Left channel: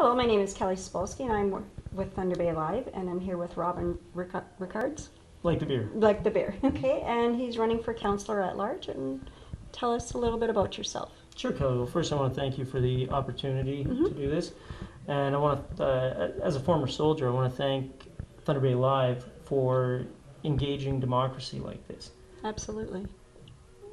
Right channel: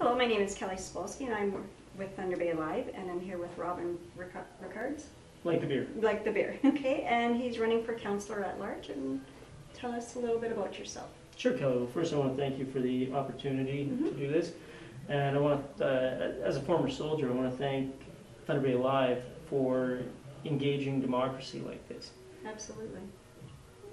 Hello, my name is Kelly Spolsky and I'm with Thunder Bay Live, and I'm here with Robin Rickards. Like the beer. Like the beer, okay. And he's running for Councillor at Large. And tell us a little bit about yourself. Sure, Kelly. Well, first I want to thank you for the opportunity to do this. And I want to, as a former soldier, I want to thank Thunder Bay Live for engaging democracy like this. Absolutely.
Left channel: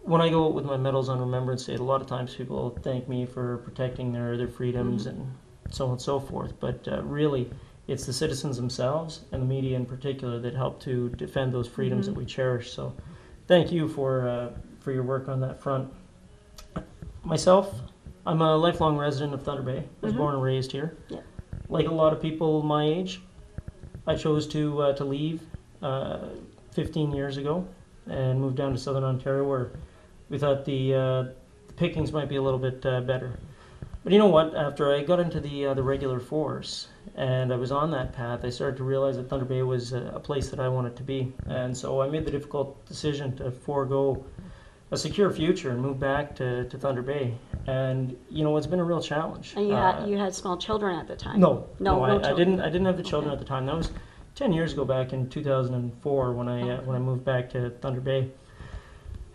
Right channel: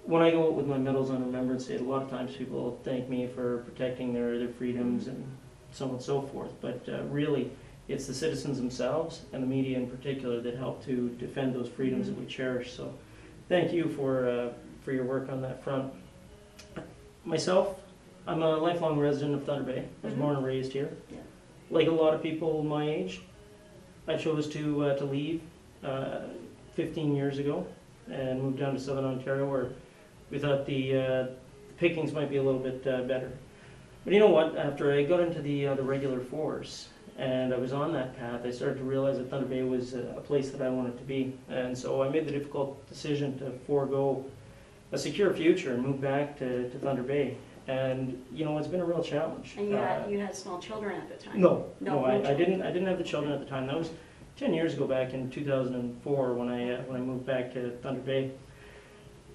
When I go out with my medals on Remembrance Day, a lot of times people thank me for protecting their freedoms and so on and so forth. But really, it's the citizens themselves and the media in particular that help to defend those freedoms that we cherish. So thank you for your work on that front. Myself, I'm a lifelong resident of Thunder Bay. I was born and raised here. Yeah. Like a lot of people my age, I chose to leave 15 years ago and moved down to Southern Ontario, where we thought the pickings might be a little bit better. But you know what? After I got into the regular force and I was on that path, I started to realize that Thunder Bay was a place that I wanted to be. And so I made the difficult decision to forego a secure future and move back to Thunder Bay. And you know, it's been a real challenge. And you had small children at the time. No, I didn't have the children at the time. That was 10 years ago, back in 2004, when I moved back to Thunder Bay.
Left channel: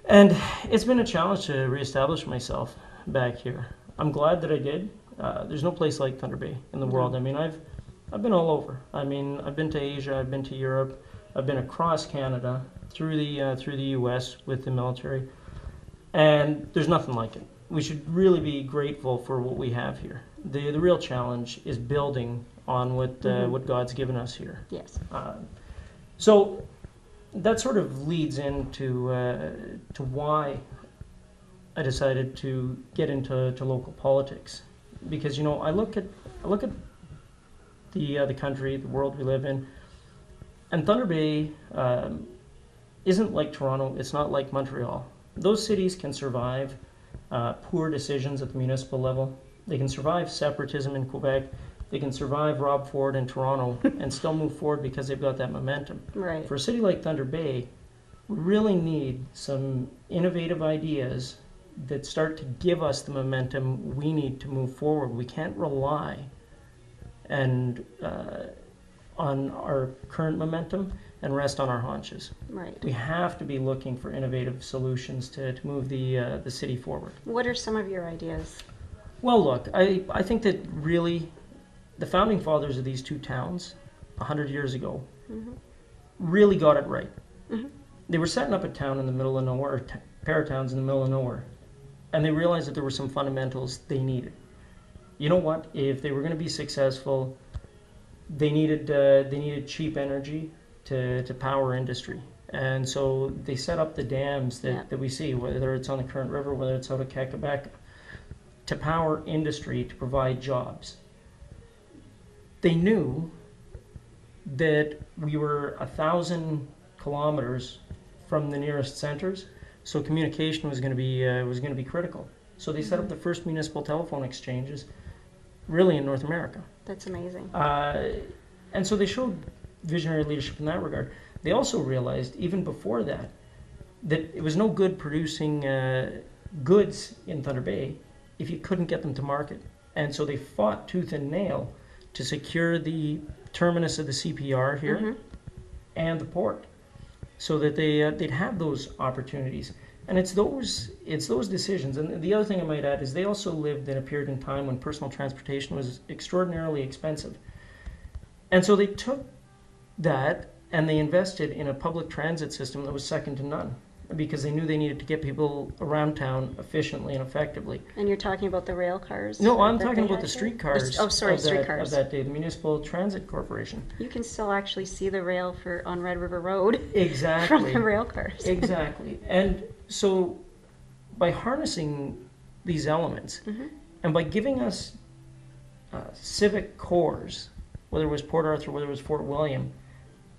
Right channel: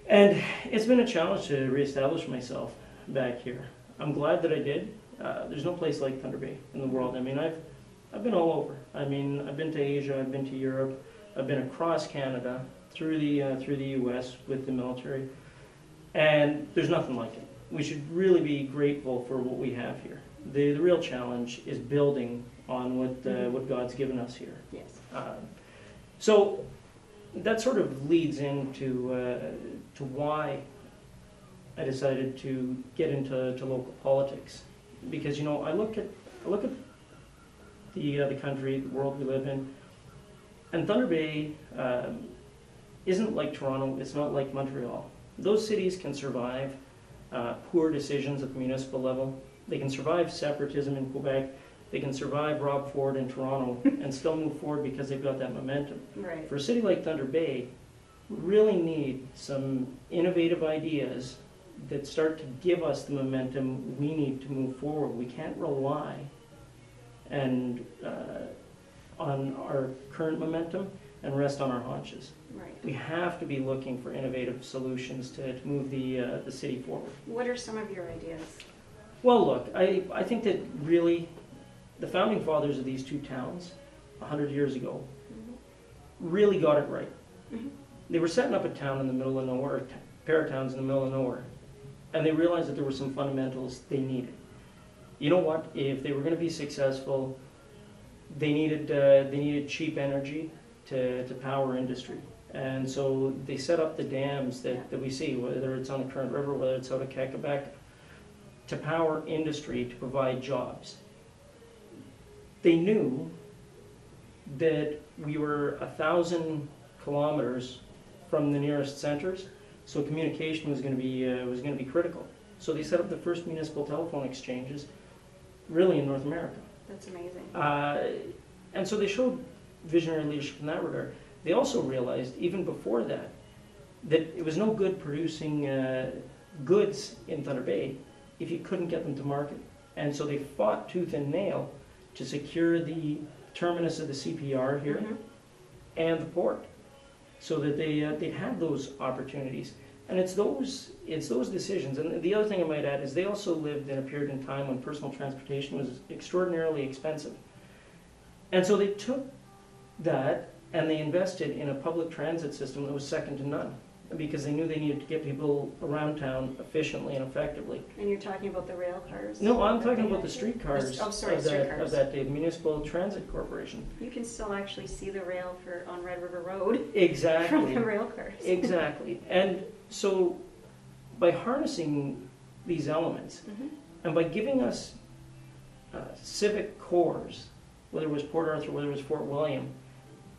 And it's been a challenge to reestablish myself back here. I'm glad that I did. There's no place like Thunder Bay in the world. I mean, I've been all over. I mean, I've been to Asia, I've been to Europe, I've been across Canada, through the U.S. with the military, and there's nothing like it. We should really be grateful for what we have here. The real challenge is building on what God's given us here. Yes. So that sort of leads into to why I decided to get into local politics, because you know I look at the country, the world we live in, and Thunder Bay isn't like Toronto. It's not like Montreal. Those cities can survive poor decisions at the municipal level. They can survive separatism in Quebec. They can survive Rob Ford in Toronto and still move forward because they've got that momentum. Right. For a city like Thunder Bay, we really need some innovative ideas that start to give us the momentum we need to move forward. We can't rely on our current momentum and rest on our haunches. Right. We have to be looking for innovative solutions to move the city forward. What are some of your ideas? Well, look, I think that really the founding fathers of these two towns 100 years ago really got it right. They were setting up a town in the middle of nowhere, or pair of towns in the middle of nowhere, and they realized that there were some fundamentals they needed. You know what? If they were going to be successful, they needed cheap energy to power industry. And so they set up the dams that we see, whether it's on the Current River, whether it's out of Quebec, to power industry, to provide jobs. They knew that we were 1,000 kilometers from the nearest centers, so communication was going to be critical. So they set up the first municipal telephone exchanges, really in North America. That's amazing. And so they showed visionary leadership in that regard. They also realized, even before that it was no good producing goods in Thunder Bay if you couldn't get them to market. And so they fought tooth and nail to secure the terminus of the CPR here and the port, so that they'd have those opportunities. And it's those decisions. And the other thing I might add is they also lived in a period in time when personal transportation was extraordinarily expensive. And so they took that and they invested in a public transit system that was second to none, because they knew they needed to get people around town efficiently and effectively. And you're talking about the rail cars? No, I'm talking about the streetcars. Streetcars of that day, the Municipal Transit Corporation. You can still actually see the rail on Red River Road. Exactly. From the rail cars. Exactly. And so by harnessing these elements and by giving us civic cores, whether it was Port Arthur, whether it was Fort William,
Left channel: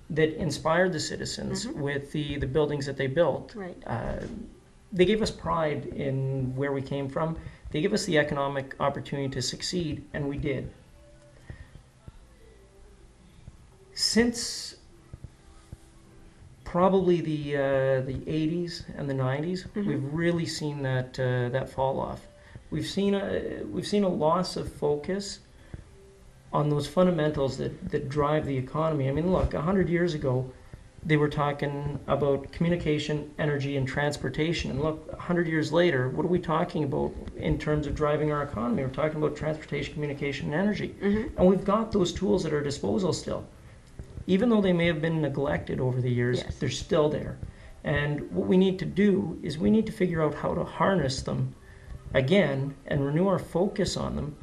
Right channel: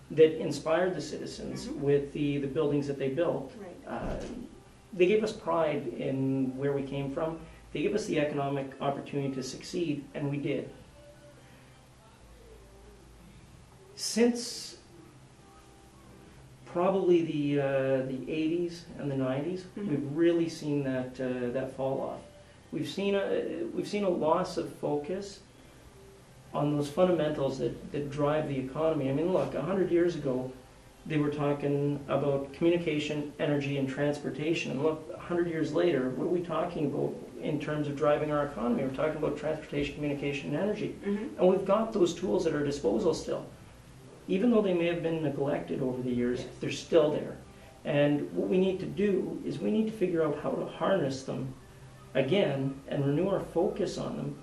that inspired the citizens with the buildings that they built. Right. They gave us pride in where we came from. They gave us the economic opportunity to succeed, and we did. Since probably the 80s and the 90s, we've really seen that fall off. We've seen a loss of focus on those fundamentals that drive the economy. I mean, look, 100 years ago, they were talking about communication, energy, and transportation. And look, 100 years later, what are we talking about in terms of driving our economy? We're talking about transportation, communication, and energy. Mm-hmm. And we've got those tools at our disposal still. Even though they may have been neglected over the years, Yes. they're still there. And what we need to do is we need to figure out how to harness them again and renew our focus on them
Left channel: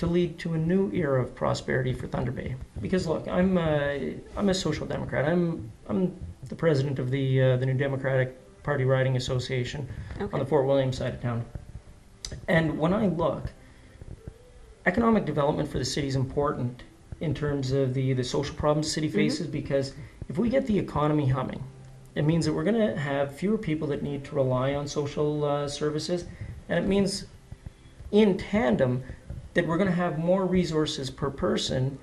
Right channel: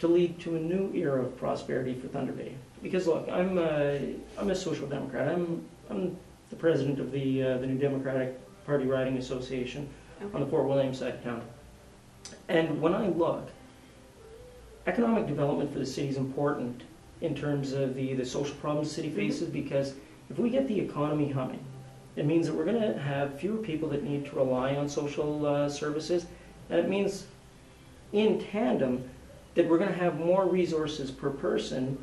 to lead to a new era of prosperity for Thunder Bay. Because look, I'm a social democrat. I'm the president of the New Democratic Party Riding Association on the Fort William side of town. And when I look, economic development for the city is important in terms of the social problems the city faces, because if we get the economy humming, it means that we're going to have fewer people that need to rely on social services, and it means in tandem that we're going to have more resources per person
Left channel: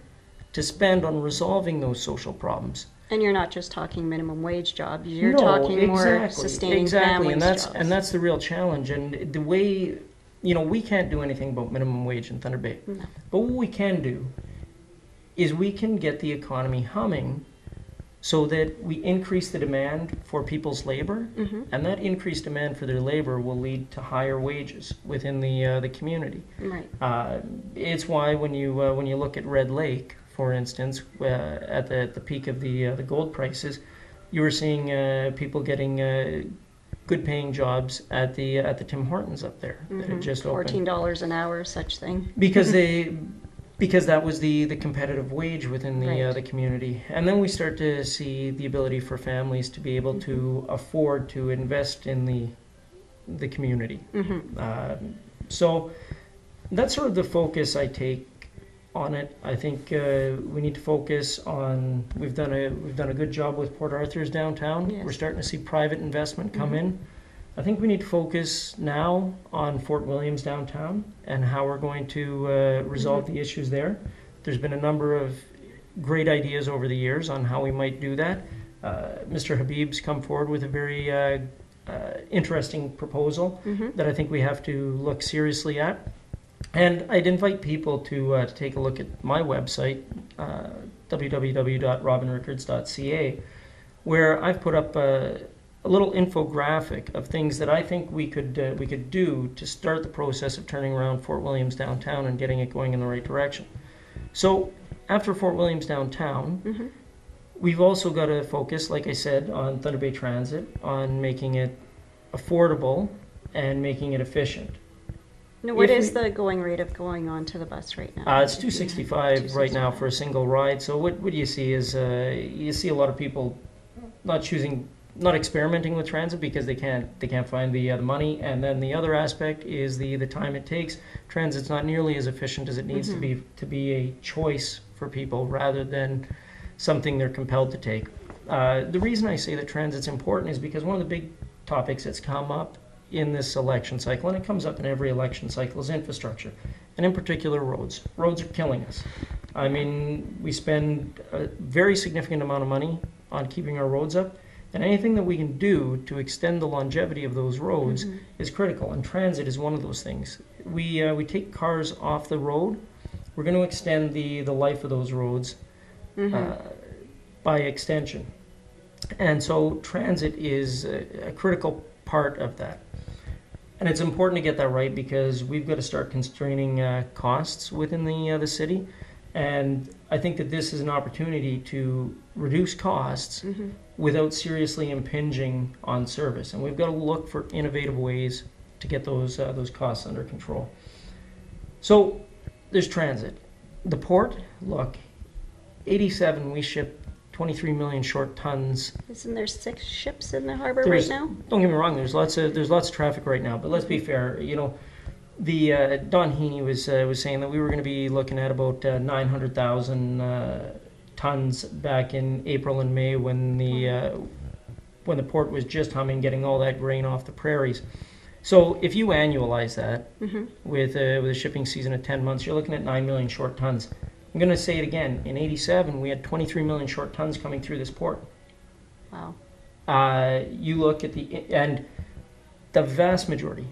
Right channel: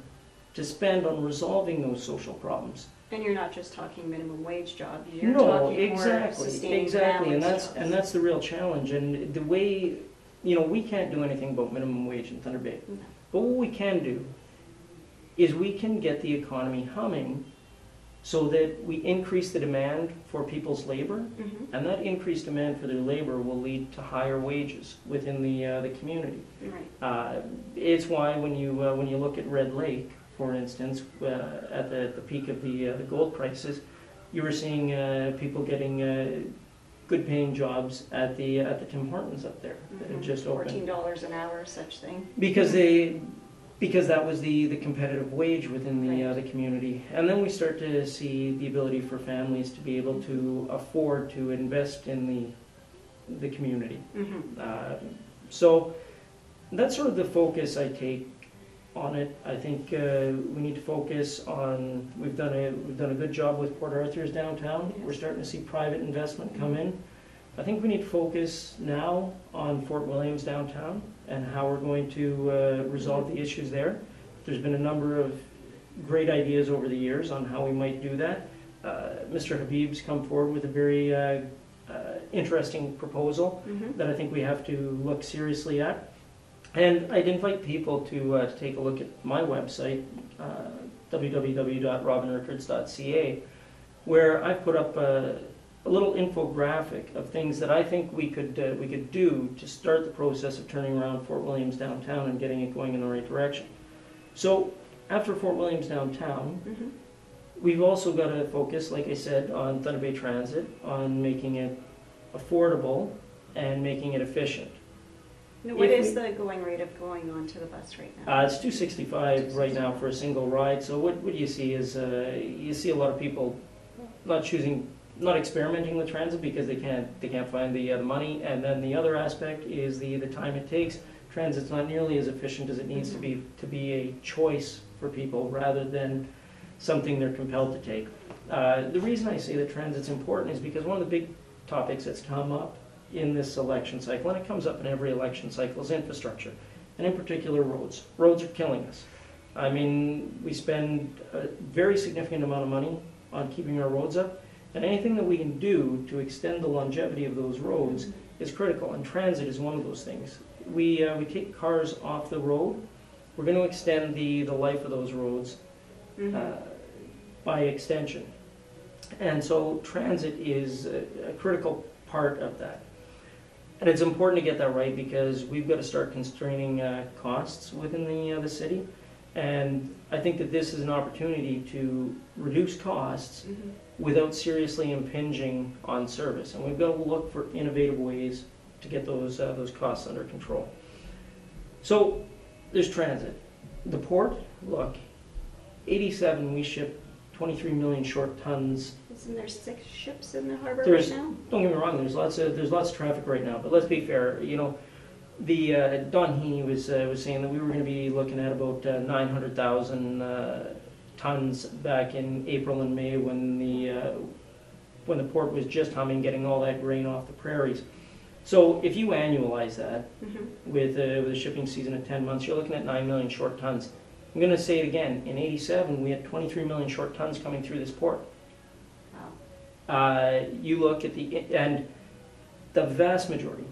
to spend on resolving those social problems. And you're not just talking minimum wage jobs, you're No, talking more exactly, sustaining exactly, and families that's jobs. the real challenge. And the way, we can't do anything about minimum wage in Thunder Bay, No. but what we can do is we can get the economy humming so that we increase the demand for people's labor, and that increased demand for their labor will lead to higher wages within the community. Right. It's why when you look at Red Lake, for instance, at the peak of the gold prices, you were seeing people getting good-paying jobs at the Tim Hortons up there that had just opened. $14 an hour, such thing. Because that was the competitive wage within the Right. the community. And then we start to see the ability for families to be able to afford to invest in the community. So that's sort of the focus I take on it. I think we need to focus on, we've done a good job with Port Arthur's downtown. Yes. We're starting to see private investment come in. I think we need to focus now on Fort Williams downtown and how we're going to resolve the issues there. There's been a number of great ideas over the years on how we might do that. Mr. Habib's come forward with a very interesting proposal that I think we have to look seriously at. And I'd invite people to take a look at my website, www.robinrickards.ca, where I've put up a little infographic of things that I think we could do to start the process of turning around Fort Williams downtown and getting it going in the right direction. So after Fort Williams downtown, we've also got to focus, like I said, on Thunder Bay Transit, on making it affordable and making it efficient. Now, what is the going rate of going on to the bus right now? It's $2.65 right now for a single ride. So what you see is you see a lot of people not experimenting with transit because they can't find the money, and then the other aspect is the time it takes. Transit's not nearly as efficient as it needs to be a choice for people rather than something they're compelled to take. The reason I say that transit's important is because one of the big topics that's come up in this election cycle, and it comes up in every election cycle, is infrastructure, and in particular roads. Roads are killing us. I mean, we spend a very significant amount of money on keeping our roads up, and anything that we can do to extend the longevity of those roads is critical, and transit is one of those things. We take cars off the road, we're going to extend the life of those roads by extension. And so transit is a critical part of that. And it's important to get that right because we've got to start constraining costs within the city. And I think that this is an opportunity to reduce costs without seriously impinging on service. And we've got to look for innovative ways to get those costs under control. So there's transit. The port, look, 87 we ship 23 million short tons. Isn't there 6 ships in the harbor right now? Don't get me wrong, there's lots of traffic right now, but let's be fair, the Don Heaney was saying that we were going to be looking at about 900,000 tons back in April and May when the port was just humming, getting all that grain off the prairies. So if you annualize that with a shipping season of 10 months, you're looking at 9 million short tons. I'm going to say it again. In '87, we had 23 million short tons coming through this port. Wow. You look at and the vast majority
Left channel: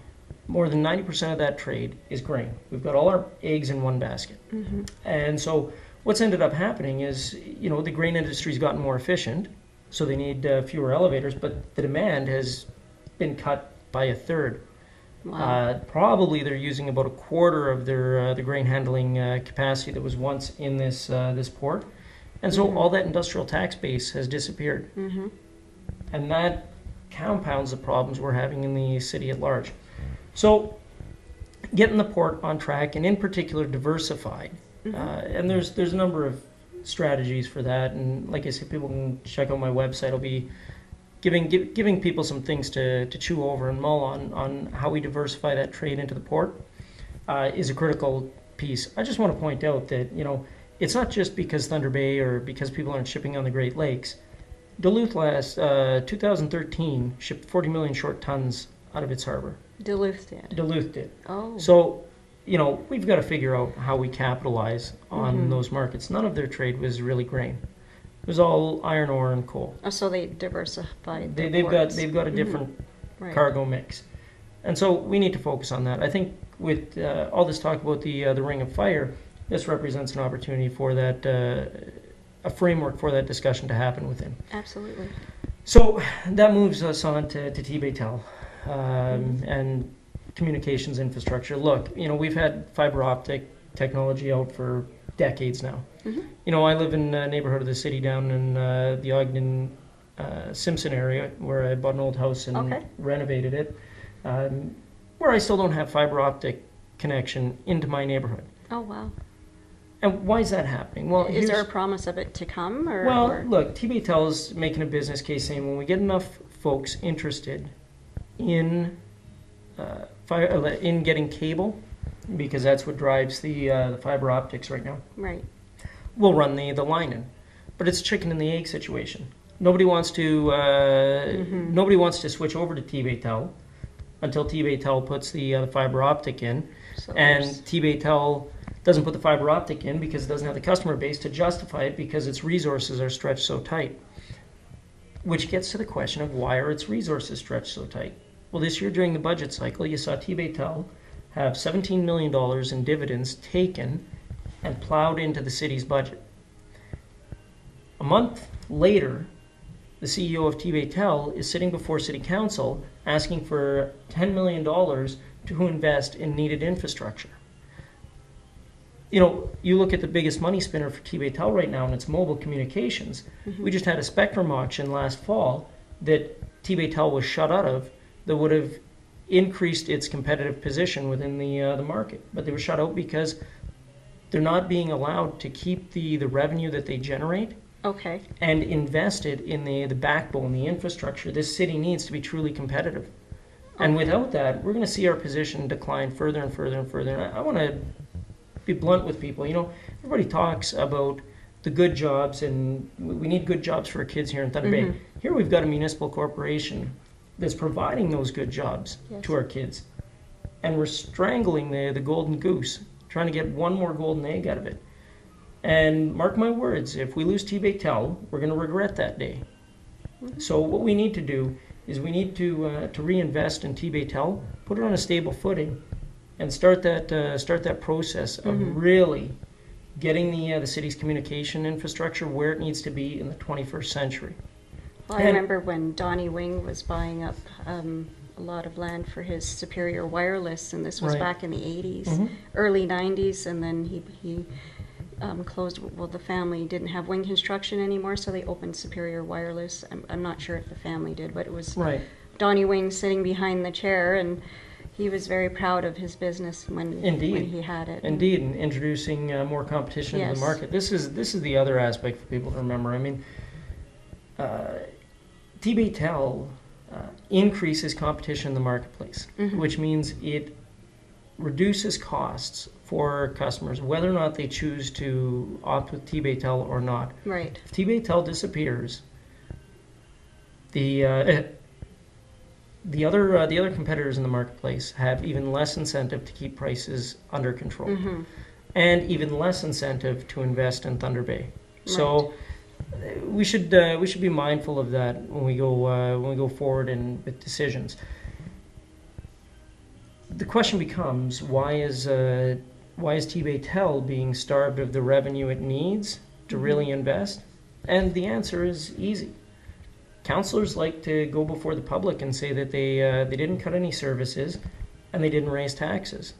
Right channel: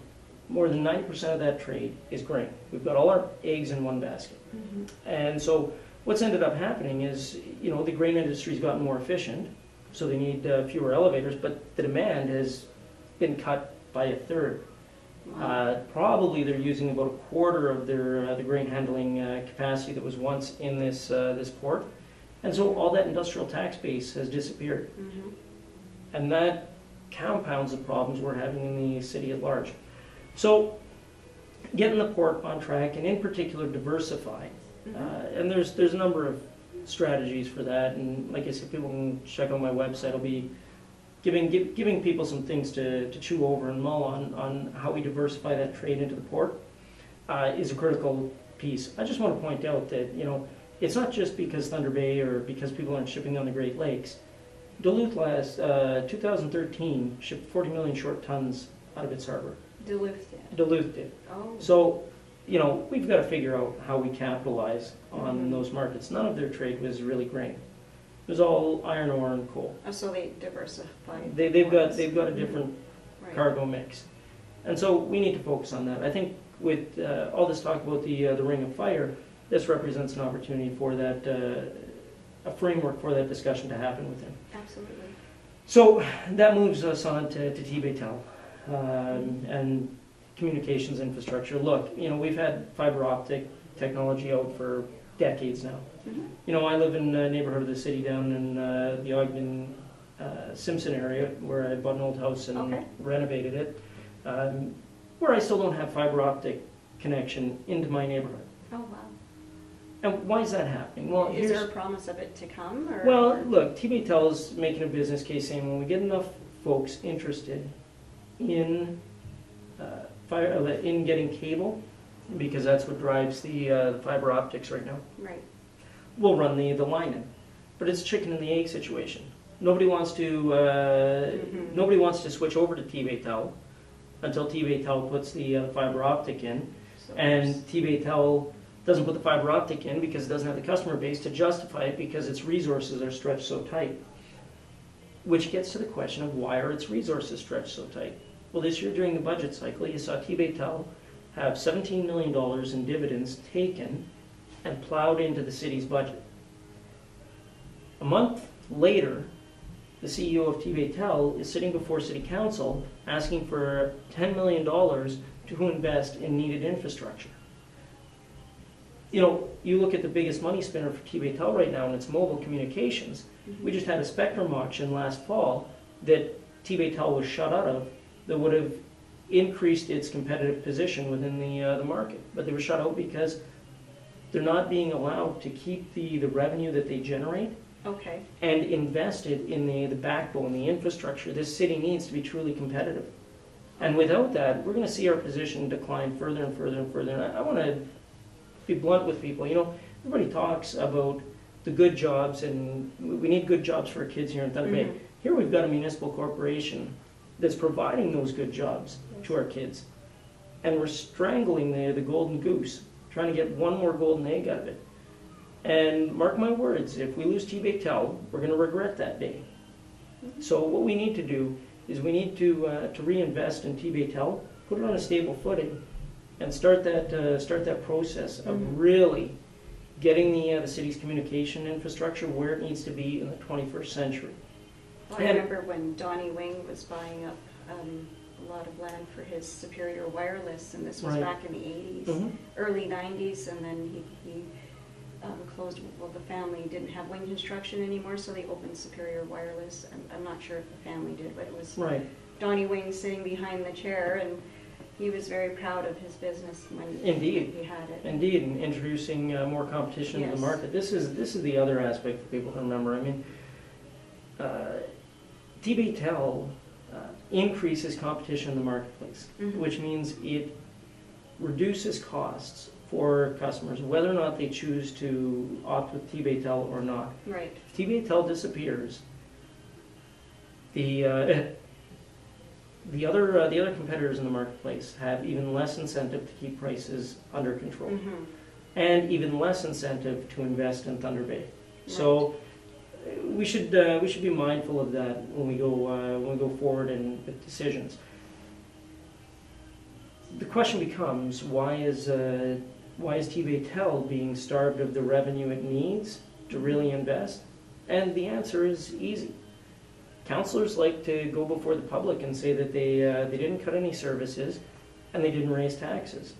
more than 90% of that trade is grain. We've got all our eggs in one basket. Mm-hmm. And so what's ended up happening is, the grain industry's gotten more efficient, so they need fewer elevators, but the demand has been cut by a third. Wow. Probably they're using about a quarter of their the grain handling capacity that was once in this port. And so all that industrial tax base has disappeared. Mm-hmm. And that compounds the problems we're having in the city at large. So getting the port on track, and in particular diversified. And there's a number of strategies for that. And like I said, people can check out my website. I'll be giving people some things to chew over and mull on how we diversify that trade into the port is a critical piece. I just want to point out that, it's not just because Thunder Bay or because people aren't shipping on the Great Lakes. Duluth 2013 shipped 40 million short tons out of its harbor. Duluth did. Duluth did. Oh. So, we've got to figure out how we capitalize on those markets. None of their trade was really grain. It was all iron ore and coal. Oh, so they diversified. They've got a different Right. cargo mix, and so we need to focus on that. I think with all this talk about the Ring of Fire, this represents an opportunity for that, a framework for that discussion to happen within. Absolutely. So that moves us on to Tibet-Tel and communications infrastructure. Look, we've had fiber optic technology out for decades now. Mm-hmm. I live in a neighborhood of the city down in the Ogden Simpson area where I bought an old house and renovated it, where I still don't have fiber optic connection into my neighborhood. Oh, wow. And why is that happening? Well, is there a promise of it to come? Look, Tibet-Tel is making a business case saying when we get enough folks interested in in getting cable, because that's what drives the fiber optics right now. Right. We'll run the line in, but it's a chicken and the egg situation. Nobody wants to switch over to Tibet-Tel until Tibet-Tel puts the fiber optic in, and Tibet-Tel doesn't put the fiber optic in because it doesn't have the customer base to justify it because its resources are stretched so tight. Which gets to the question of why are its resources stretched so tight? Well, this year during the budget cycle, you saw Tibet-Tel have $17 million in dividends taken and plowed into the city's budget. A month later, the CEO of Tibet-Tel is sitting before City Council asking for $10 million to invest in needed infrastructure. You look at the biggest money spinner for Tibet-Tel right now, and it's mobile communications. Mm-hmm. We just had a spectrum auction last fall that Tibet-Tel was shut out of that would have increased its competitive position within the market. But they were shut out because they're not being allowed to keep the revenue that they generate and invested in the backbone, the infrastructure this city needs to be truly competitive. And without that, we're going to see our position decline further and further and further. And I want to be blunt with people. Everybody talks about the good jobs, and we need good jobs for our kids here in Thunder Bay. Here we've got a municipal corporation that's providing those good jobs to our kids. And we're strangling the golden goose, trying to get one more golden egg out of it. And mark my words, if we lose Tibet-Tel, we're going to regret that day. So what we need to do is we need to reinvest in Tibet-Tel, put it on a stable footing, and start that process of really getting the city's communication infrastructure where it needs to be in the 21st century. Well, I remember when Donnie Wing was buying up a lot of land for his Superior Wireless, and this was back in the 80s, early 90s, and then he closed. Well, the family didn't have Wing Construction anymore, so they opened Superior Wireless. I'm not sure if the family did, but it was Donnie Wing sitting behind the chair, and he was very proud of his business when he had it. Indeed, and introducing more competition to the market. This is the other aspect for people to remember. I mean, Tibet-Tel increases competition in the marketplace, which means it reduces costs for customers, whether or not they choose to opt with Tibet-Tel or not. Right. If Tibet-Tel disappears, the other competitors in the marketplace have even less incentive to keep prices under control, and even less incentive to invest in Thunder Bay. So we should be mindful of that when we go forward with decisions. the question becomes, why is T-Bay-Tel being starved of the revenue it needs to really invest? And the answer is easy. Councillors like to go before the public and say that they didn't cut any services and they didn't raise taxes.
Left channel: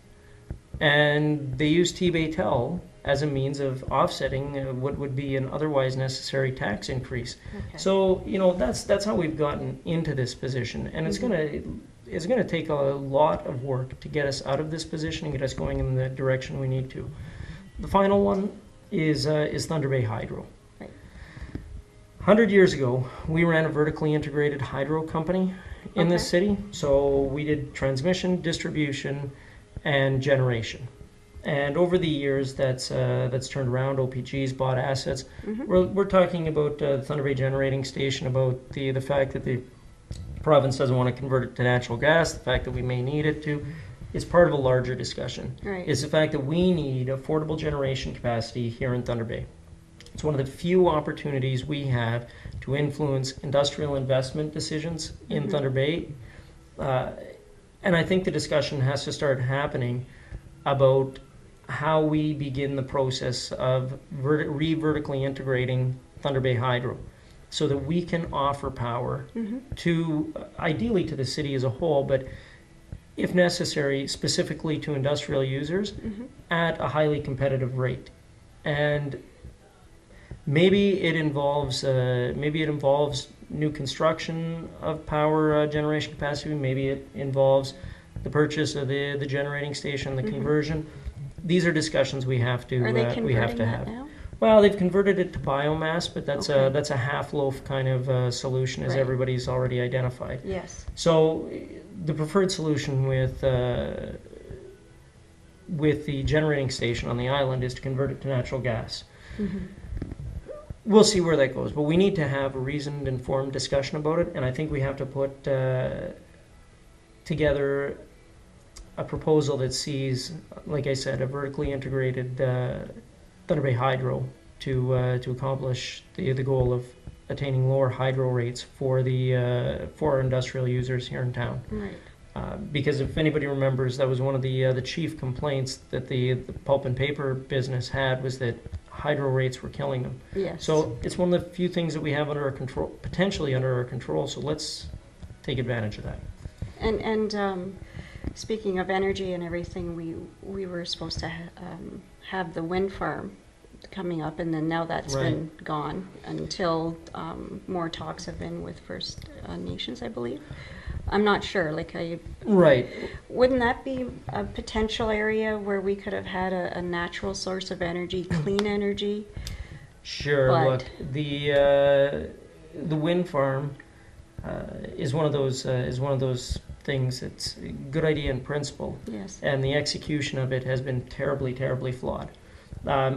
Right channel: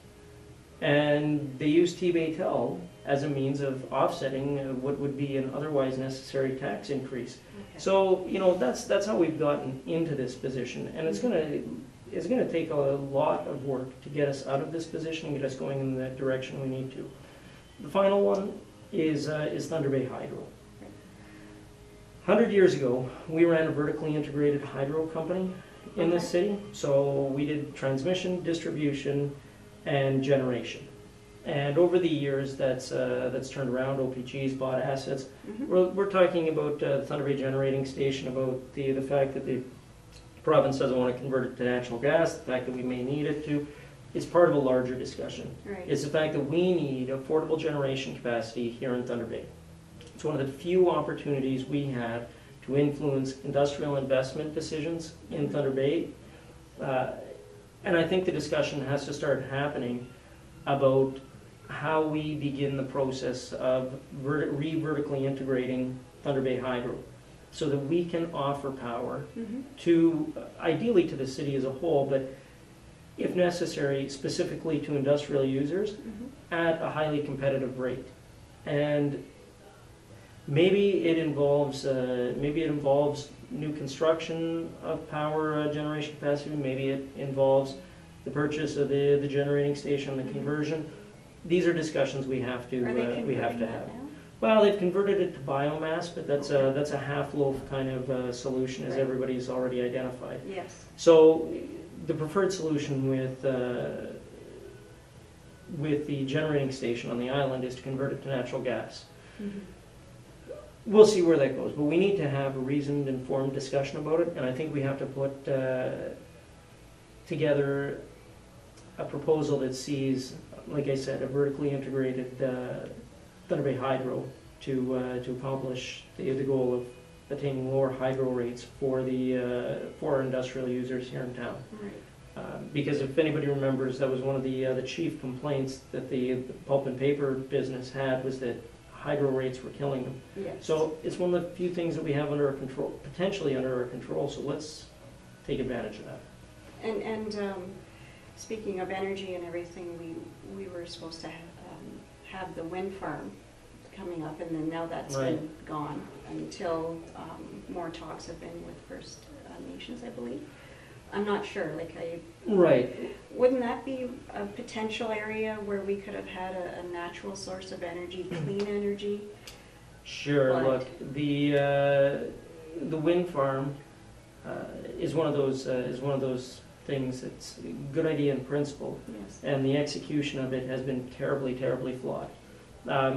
And they use T-Bay-Tel as a means of offsetting what would be an otherwise necessary tax increase. Okay. So, you know, that's how we've gotten into this position. And it's gonna take a lot of work to get us out of this position and get us going in the direction we need to. The final one is Thunder Bay Hydro. 100 years ago, we ran a vertically integrated hydro company in this city. So we did transmission, distribution, and generation. And over the years, that's turned around. OPG's bought assets. We're talking about the Thunder Bay Generating Station, about the fact that the province doesn't want to convert it to natural gas, the fact that we may need it to. It's part of a larger discussion. Right. It's the fact that we need affordable generation capacity here in Thunder Bay. It's one of the few opportunities we have to influence industrial investment decisions in Thunder Bay. And I think the discussion has to start happening about how we begin the process of vertically integrating Thunder Bay Hydro so that we can offer power to, ideally to the city as a whole, but if necessary, specifically to industrial users at a highly competitive rate. And maybe it involves new construction of power generation capacity. Maybe it involves the purchase of the generating station, the conversion. These are discussions we have to have. Now? Well, they've converted it to biomass, but that's a half loaf kind of solution, as everybody's already identified. Yes. So the preferred solution with the generating station on the island is to convert it to natural gas. We'll see where that goes, but we need to have a reasoned, informed discussion about it, and I think we have to put together a proposal that sees, like I said, a vertically integrated Thunder Bay Hydro to accomplish the goal of attaining lower hydro rates for our industrial users here in town. Right. Because if anybody remembers, that was one of the chief complaints that the pulp and paper business had, was that hydro rates were killing them. Yes. So it's one of the few things that we have under our control, potentially under our control. So let's take advantage of that. And speaking of energy and everything, we were supposed to have the wind farm coming up, and then now that's been gone until more talks have been with First Nations, I believe. I'm not sure. Wouldn't that be a potential area where we could have had a natural source of energy, clean energy? Sure. Look, the wind farm is one of those things that's a good idea in principle. Yes. And the execution of it has been terribly, terribly flawed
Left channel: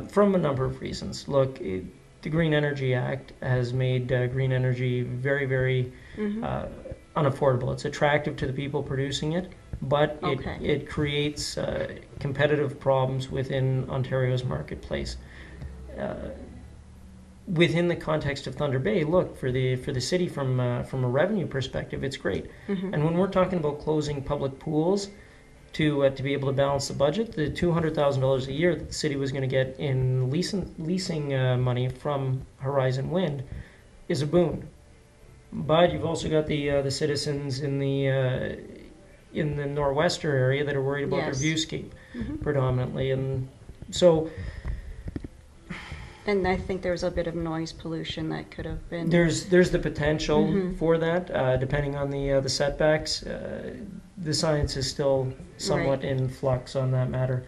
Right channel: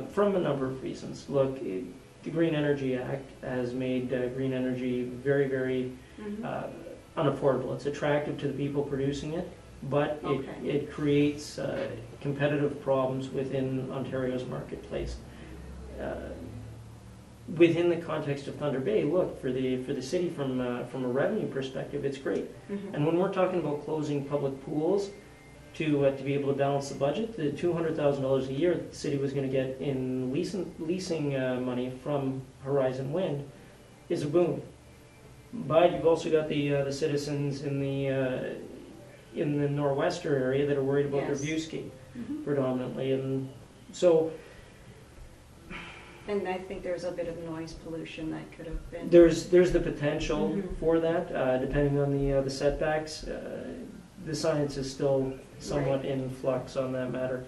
from a number of reasons. Look, the Green Energy Act has made green energy very, very unaffordable. It's attractive to the people producing it, but it creates competitive problems within Ontario's marketplace. Within the context of Thunder Bay, look, for the city from a revenue perspective, it's great. And when we're talking about closing public pools to be able to balance the budget, the $200,000 a year that the city was going to get in leasing money from Horizon Wind is a boon. But you've also got the citizens in the Nor'Wester area that are worried about their viewscape predominantly, and so. And I think there's a bit of noise pollution that could have been. There's the potential for that, depending on the setbacks. The science is still somewhat in flux on that matter,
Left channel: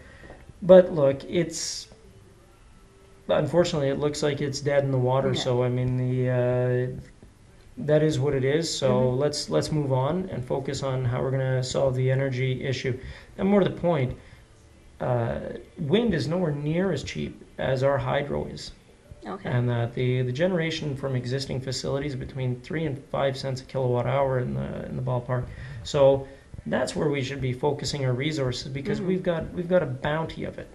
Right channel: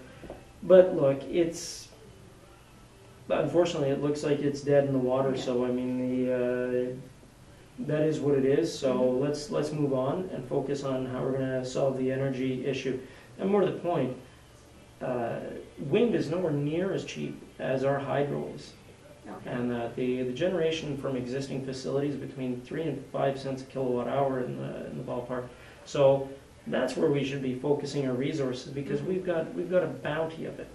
but look, unfortunately it looks like it's dead in the water. Yeah. So I mean that is what it is. So let's move on and focus on how we're going to solve the energy issue. And more to the point, wind is nowhere near as cheap as our hydro is. Okay. And the generation from existing facilities between 3 and 5 cents a kilowatt hour in the ballpark. So that's where we should be focusing our resources, because we've got a bounty of it.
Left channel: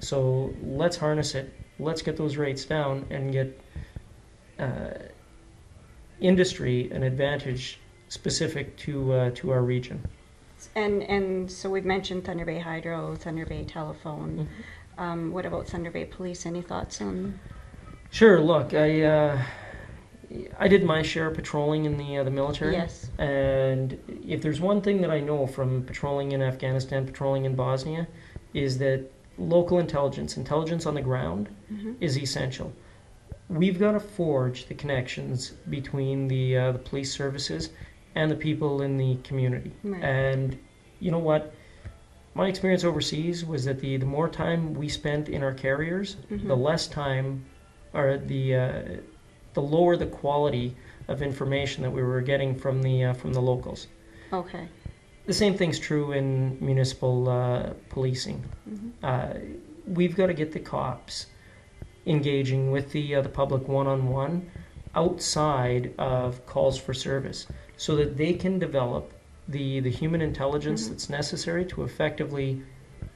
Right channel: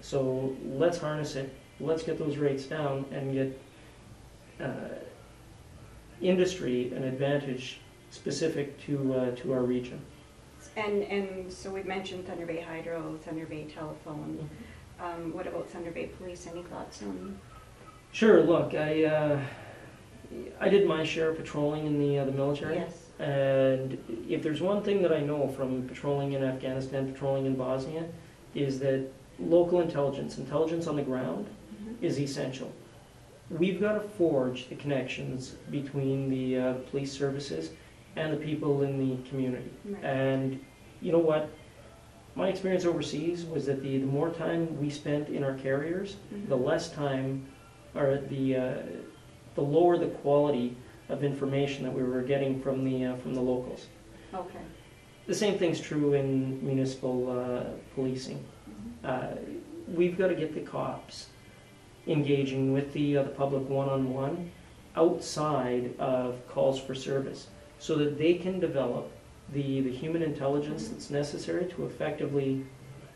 So let's harness it. Let's get those rates down and get industry an advantage specific to our region. And so we've mentioned Thunder Bay Hydro, Thunder Bay Telephone. What about Thunder Bay Police? Any thoughts on? Sure. Look, I did my share of patrolling in the military. Yes. And if there's one thing that I know from patrolling in Afghanistan, patrolling in Bosnia, is that local intelligence on the ground, is essential. We've got to forge the connections between the police services and the people in the community. Right. And you know what? My experience overseas was that the more time we spent in our carriers, the less time, or the lower the quality of information that we were getting from the locals. Okay. The same thing's true in municipal policing. We've got to get the cops engaging with the public one-on-one outside of calls for service, so that they can develop the human intelligence that's necessary to effectively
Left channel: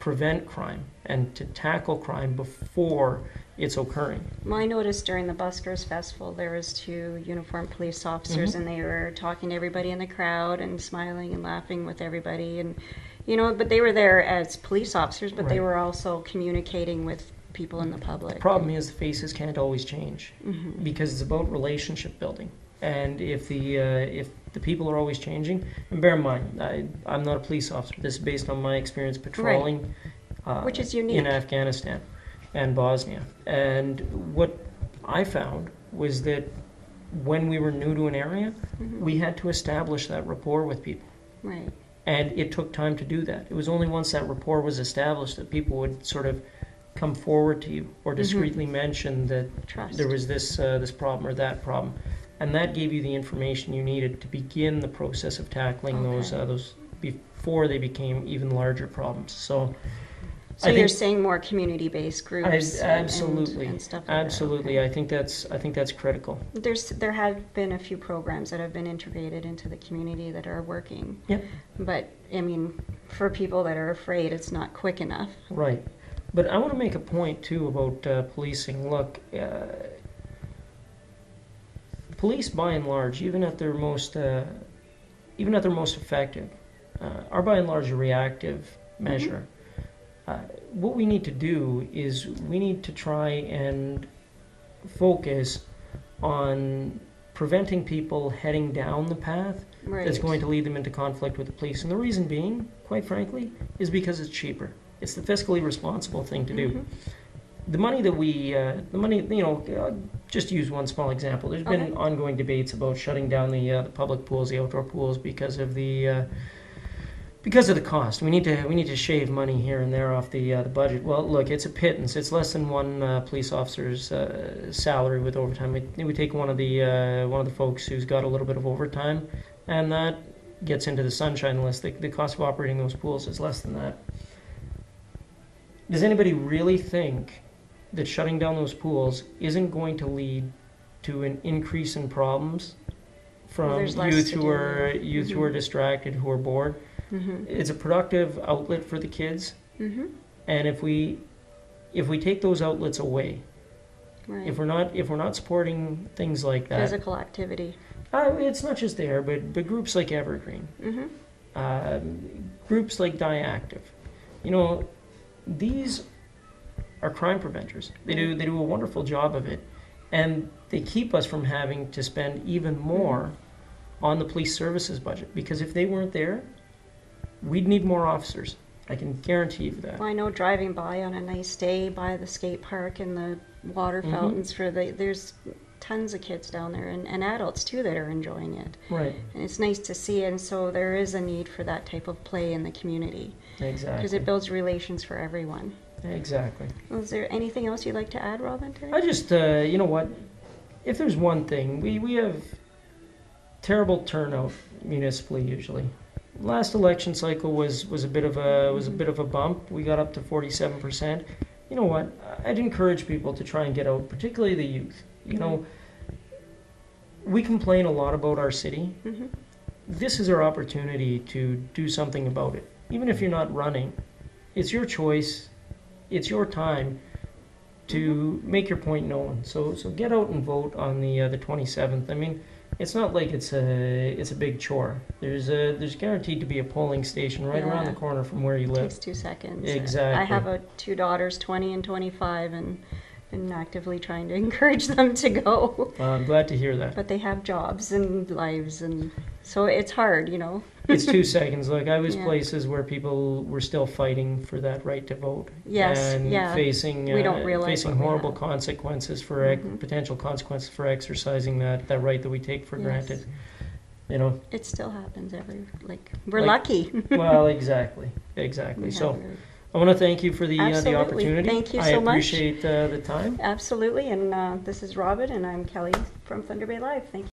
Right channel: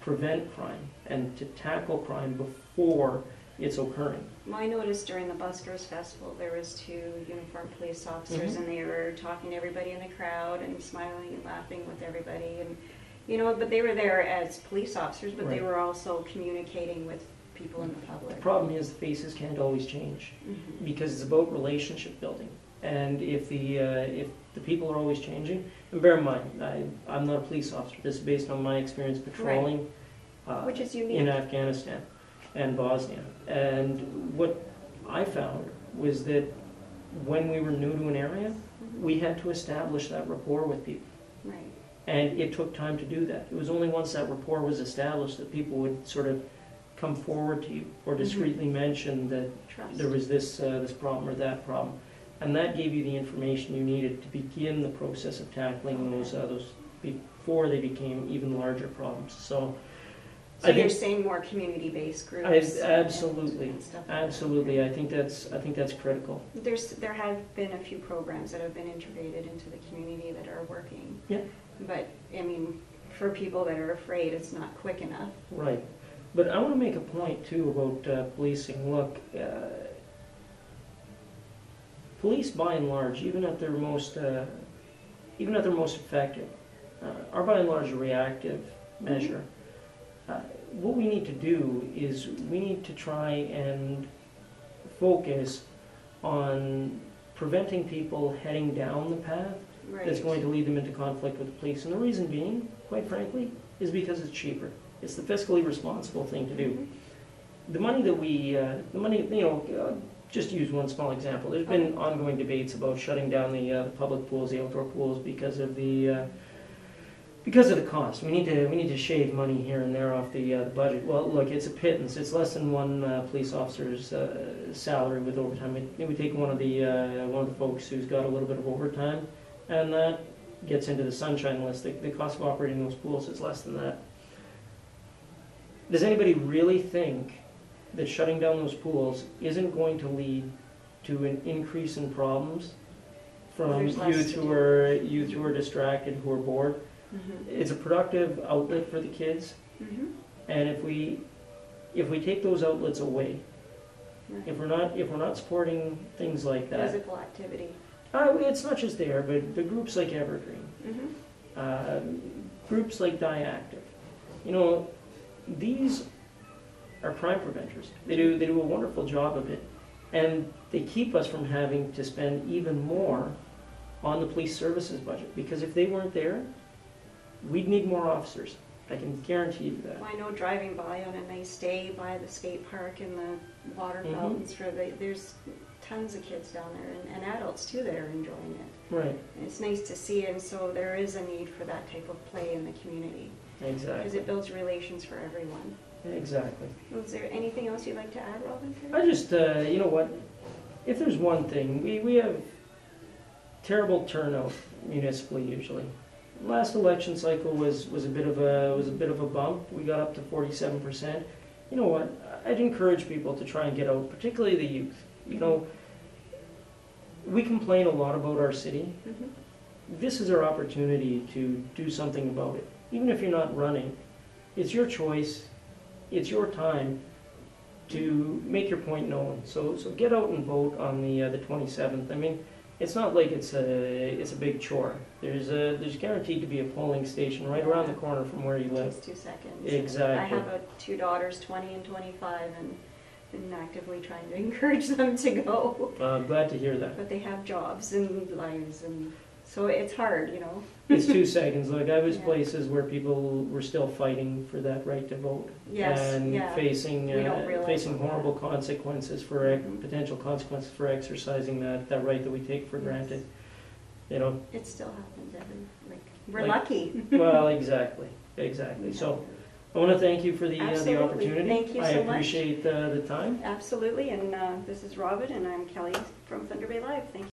prevent crime and to tackle crime before it's occurring. I noticed during the Buskers Festival there was 2 uniformed police officers, and they were talking to everybody in the crowd and smiling and laughing with everybody, and but they were there as police officers, but they were also communicating with people in the public. The problem is the faces can't always change, because it's about relationship building. And if the people are always changing, and bear in mind, I'm not a police officer. This is based on my experience patrolling, which is unique, in Afghanistan and Bosnia. And what I found was that when we were new to an area, we had to establish that rapport with people. Right. And it took time to do that. It was only once that rapport was established that people would sort of come forward to you or discreetly mention that there was this problem or that problem. And that gave you the information you needed to begin the process of tackling those before they became even larger problems. So you're saying more community-based groups. Absolutely, and stuff like absolutely. That. I think that's critical. There have been a few programs that have been integrated into the community that are working. Yeah. But I mean, for people that are afraid, it's not quick enough. Right. But I want to make a point too about policing. Look, police, by and large, even at their most effective, are by and large a reactive measure. What we need to do is we need to try and focus on preventing people heading down the path that's going to lead them into conflict with the police. And the reason being, quite frankly, is because it's cheaper. It's the fiscally responsible thing to do. The money that just to use one small example, there's been ongoing debates about shutting down the public pools, the outdoor pools, because of the cost. We need to shave money here and there off the budget. Well, look, it's a pittance. It's less than one police officer's salary with overtime. It would take one of the folks who's got a little bit of overtime, and that gets into the sunshine list. The cost of operating those pools is less than that. Does anybody really think that shutting down those pools isn't going to lead to an increase in problems from youth who are distracted, who are bored? It's a productive outlet for the kids, and if we take those outlets away, if we're not supporting things like that, physical activity, it's not just there, but groups like Evergreen, groups like Diactive, these are crime preventers. They do a wonderful job of it, and they keep us from having to spend even more on the police services budget, because if they weren't there, we'd need more officers. I can guarantee you that. Well, I know driving by on a nice day by the skate park and the water fountains there's tons of kids down there and adults too that are enjoying it. Right. And it's nice to see it, and so there is a need for that type of play in the community. Exactly. Because it builds relations for everyone. Exactly. Well, is there anything else you'd like to add, Robin? I just, you know what, if there's one thing, we have terrible turnout municipally usually. Last election cycle was a bit of a bump. We got up to 47%. You know what? I'd encourage people to try and get out, particularly the youth. We complain a lot about our city. This is our opportunity to do something about it. Even if you're not running, it's your choice. It's your time to make your point known. So get out and vote on the 27th. I mean, it's not like it's a big chore. There's guaranteed to be a polling station right around the corner from where you It live. takes 2 seconds. Exactly. I have two daughters, 20 and 25, and actively trying to encourage them to go. I'm glad to hear that. But they have jobs and lives, and so it's hard, you know. It's 2 seconds. Look, I was Yeah. places where people were still fighting for that right to vote. Yes, And yeah. facing We don't realize facing what we horrible have. consequences for Mhm. potential consequences for exercising that right that we take for Yes. granted. You know. It still happens we're Like- lucky. Well, exactly. So I want to thank you for the Absolutely. opportunity. Thank you I so much. appreciate the time. Absolutely, and this is Robin, and I'm Kelly from Thunder Bay Live. Thank you.